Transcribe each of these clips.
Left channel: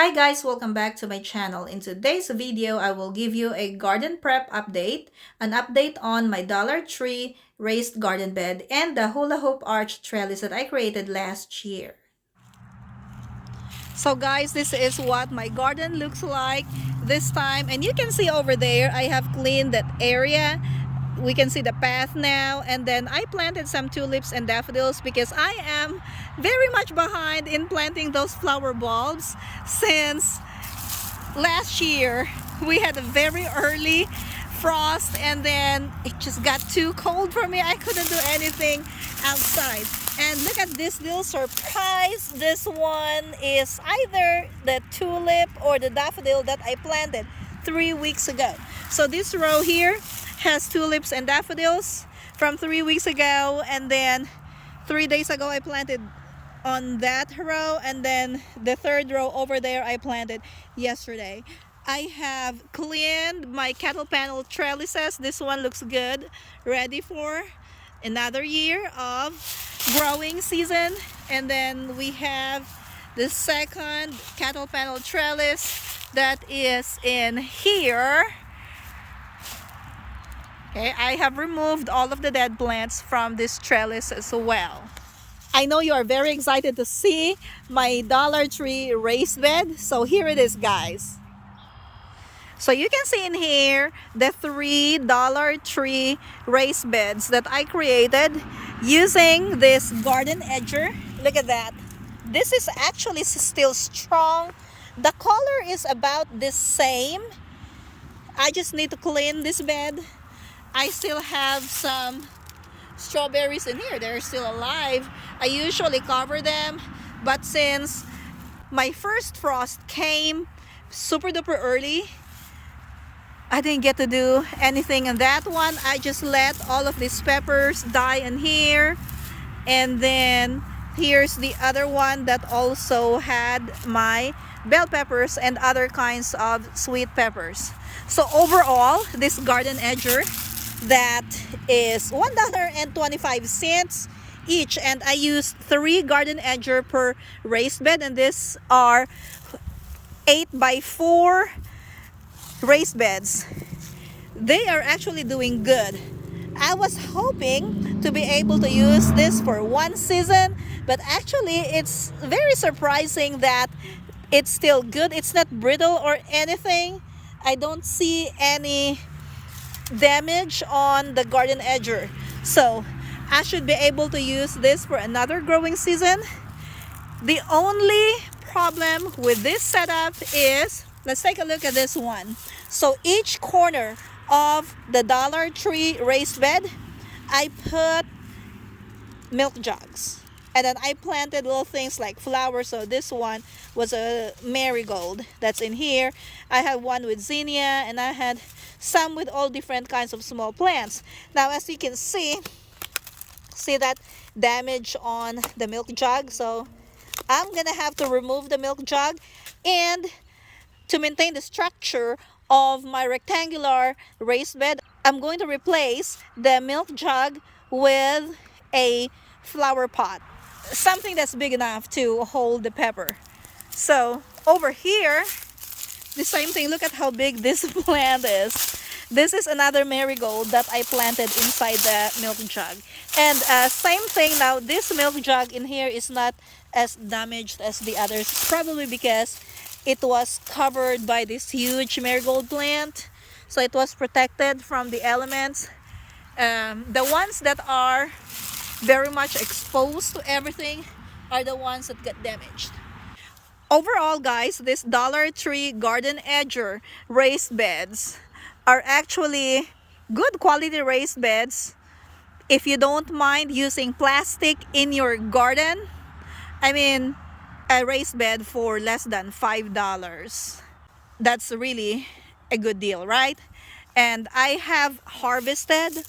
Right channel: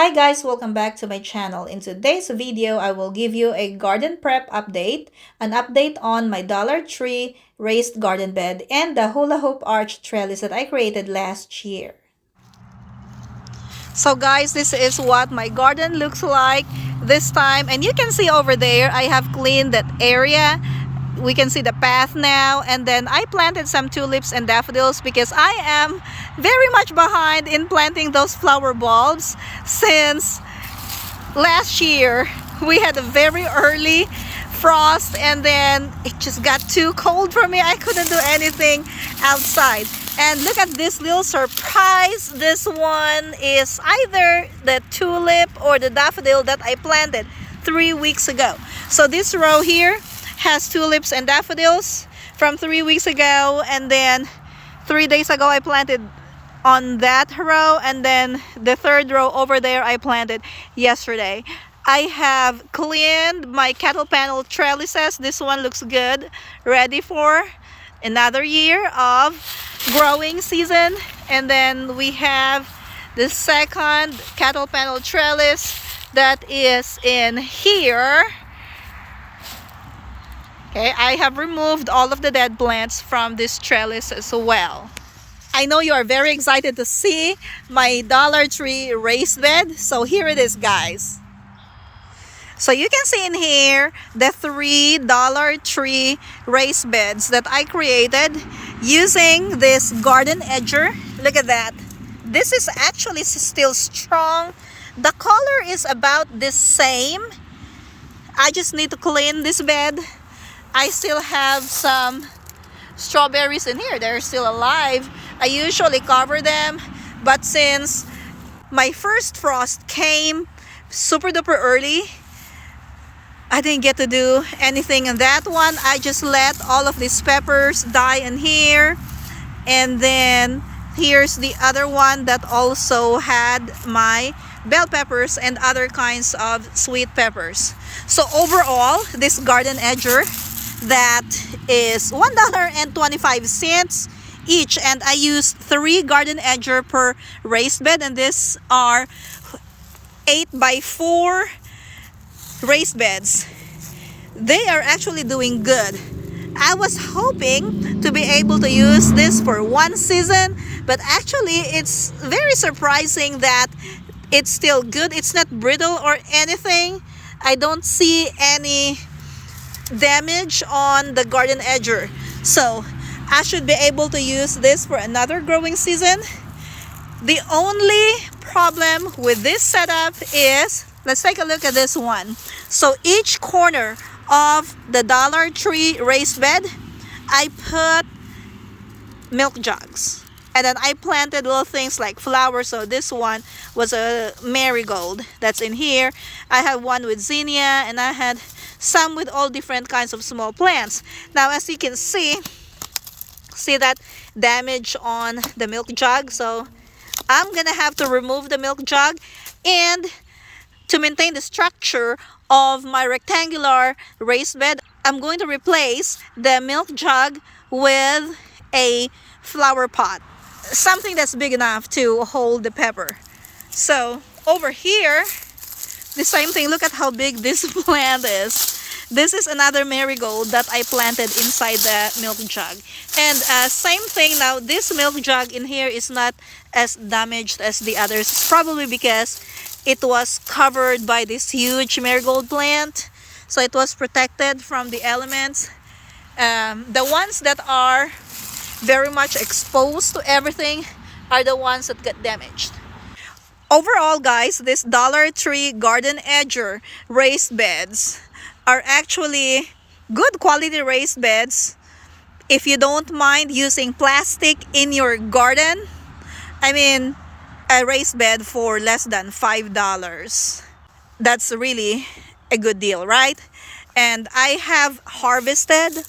Hi guys, welcome back to my channel. In today's video, I will give you a garden prep update, an update on my Dollar Tree raised garden bed, and the hula hoop arch trellis that I created last year. So guys, this is what my garden looks like this time, and you can see over there, I have cleaned that area. We can see the path now, and then I planted some tulips and daffodils because I am very much behind in planting those flower bulbs since last year. We had a very early frost and then it just got too cold for me. I couldn't do anything outside. And look at this little surprise. This one is either the tulip or the daffodil that I planted 3 weeks ago. So this row here has tulips and daffodils from 3 weeks ago, and then 3 days ago I planted on that row, and then the third row over there I planted yesterday. I have cleaned my cattle panel trellises. This one looks good, ready for another year of growing season. And then we have the second cattle panel trellis that is in here. Okay, I have removed all of the dead plants from this trellis as well. I know you are very excited to see my Dollar Tree raised bed. So here it is, guys. So you can see in here the 3 Dollar Tree raised beds that I created using this garden edger. Look at that. This is actually still strong. The color is about the same. I just need to clean this bed. I still have some strawberries in here. They're still alive. I usually cover them, but since my first frost came super duper early, I didn't get to do anything in that one. I just let all of these peppers die in here. And then here's the other one that also had my bell peppers and other kinds of sweet peppers. So overall, this garden edger that is $1.25 each, and I used 3 garden edger per raised bed, and these are 8x4 raised beds. They are actually doing good. I was hoping to be able to use this for one season, but actually it's very surprising that it's still good. It's not brittle or anything. I don't see any damage on the garden edger, so I should be able to use this for another growing season. The only problem with this setup is, let's take a look at this one. So each corner of the Dollar Tree raised bed, I put milk jugs, and then I planted little things like flowers. So this one was a marigold that's in here. I had one with zinnia, and I had some with all different kinds of small plants. Now as you can see that damage on the milk jug, so I'm gonna have to remove the milk jug, and to maintain the structure of my rectangular raised bed, I'm going to replace the milk jug with a flower pot, something that's big enough to hold the pepper. So over here, the same thing. Look at how big this plant is. This is another marigold that I planted inside the milk jug. And same thing now, this milk jug in here is not as damaged as the others. It's probably because it was covered by this huge marigold plant, so it was protected from the elements. The ones that are very much exposed to everything are the ones that got damaged. Overall, guys, this Dollar Tree garden edger raised beds are actually good quality raised beds. If you don't mind using plastic in your garden, I mean, a raised bed for less than $5. That's really a good deal, right? And I have harvested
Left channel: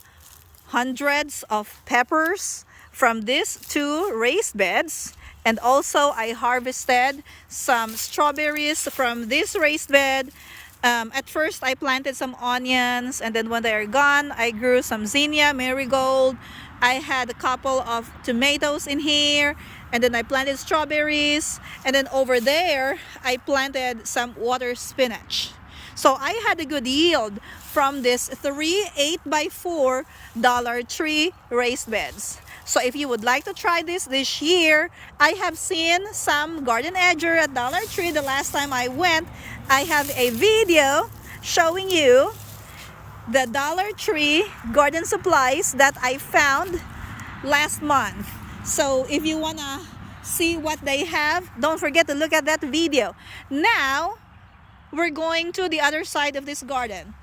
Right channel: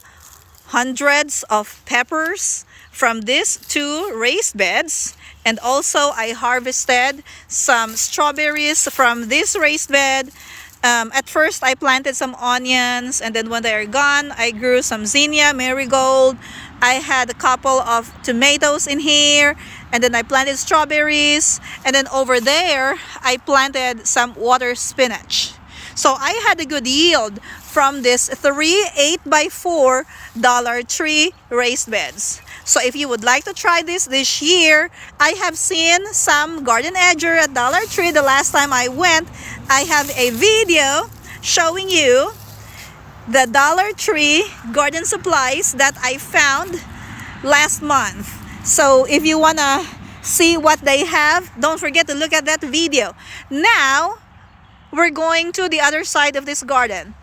hundreds of peppers from these 2 raised beds. And also I harvested some strawberries from this raised bed. At first I planted some onions, and then when they are gone, I grew some zinnia, marigold. I had a couple of tomatoes in here. And then I planted strawberries. And then over there, I planted some water spinach. So I had a good yield from this 3 8x4 Dollar Tree raised beds. So if you would like to try this year, I have seen some garden edger at Dollar Tree the last time I went. I have a video showing you the Dollar Tree garden supplies that I found last month. So if you wanna see what they have, don't forget to look at that video. Now we're going to the other side of this garden.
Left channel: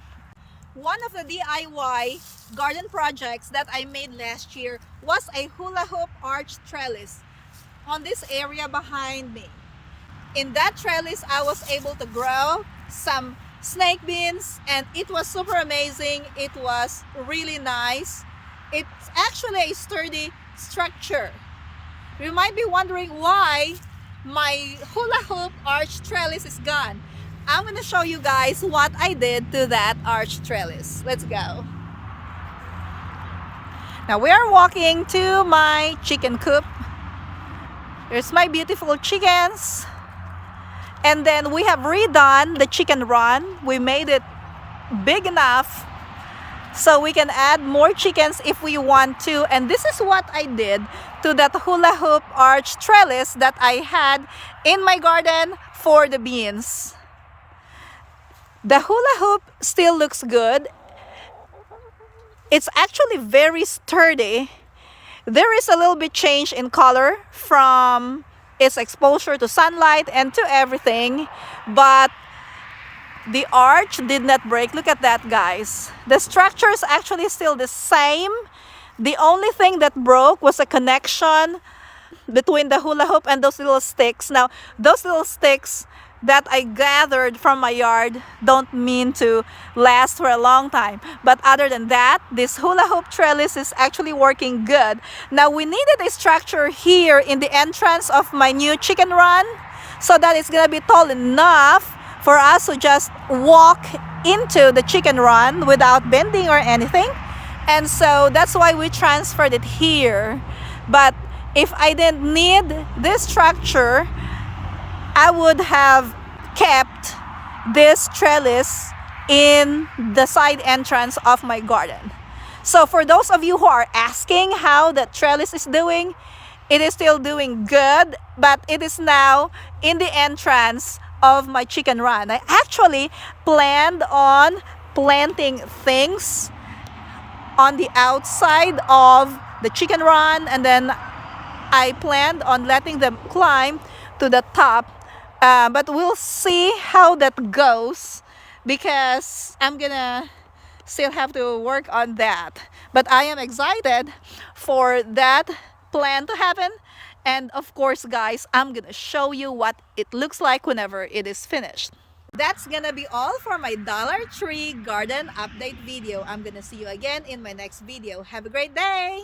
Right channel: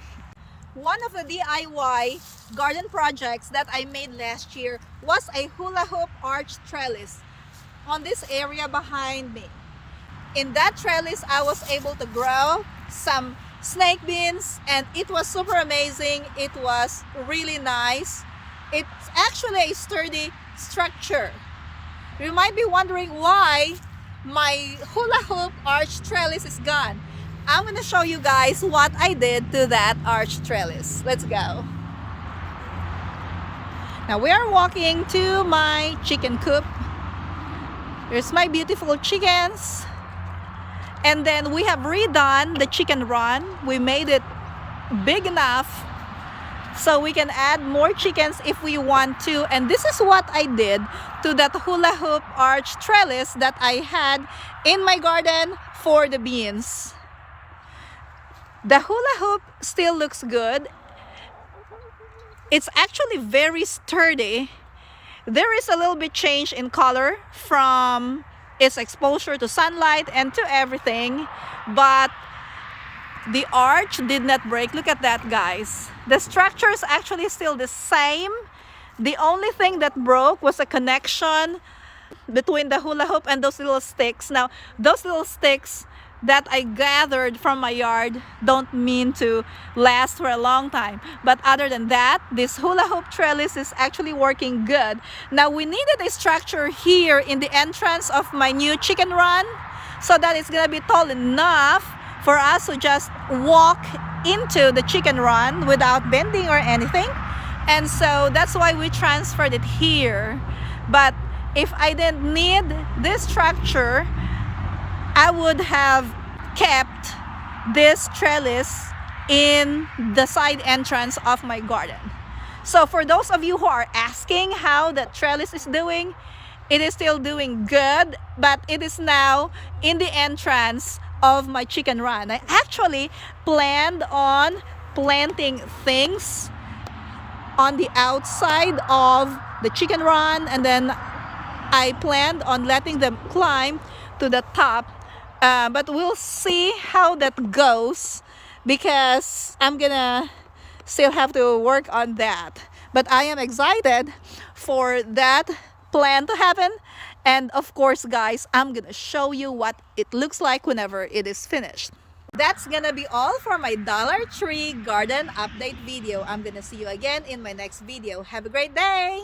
One of the DIY garden projects that I made last year was a hula-hoop arch trellis on this area behind me. In that trellis, I was able to grow some snake beans, and it was super amazing. It was really nice. It's actually a sturdy structure. You might be wondering why my hula-hoop arch trellis is gone. I'm going to show you guys what I did to that arch trellis. Let's go. Now we are walking to my chicken coop. There's my beautiful chickens. And then we have redone the chicken run. We made it big enough so we can add more chickens if we want to. And this is what I did to that hula-hoop arch trellis that I had in my garden for the beans. The hula hoop still looks good. It's actually very sturdy. There is a little bit change in color from its exposure to sunlight and to everything, but the arch did not break. Look at that, guys. The structure is actually still the same. The only thing that broke was a connection between the hula hoop and those little sticks. Now, those little sticks that I gathered from my yard don't mean to last for a long time. But other than that, this hula hoop trellis is actually working good. Now we needed a structure here in the entrance of my new chicken run so that it's gonna be tall enough for us to just walk into the chicken run without bending or anything. And so that's why we transferred it here. But if I didn't need this structure, I would have kept this trellis in the side entrance of my garden. So for those of you who are asking how the trellis is doing, it is still doing good, but it is now in the entrance of my chicken run. I actually planned on planting things on the outside of the chicken run, and then I planned on letting them climb to the top. But we'll see how that goes because I'm gonna still have to work on that. But I am excited for that plan to happen. And of course, guys, I'm gonna show you what it looks like whenever it is finished. That's gonna be all for my Dollar Tree garden update video. I'm gonna see you again in my next video. Have a great day!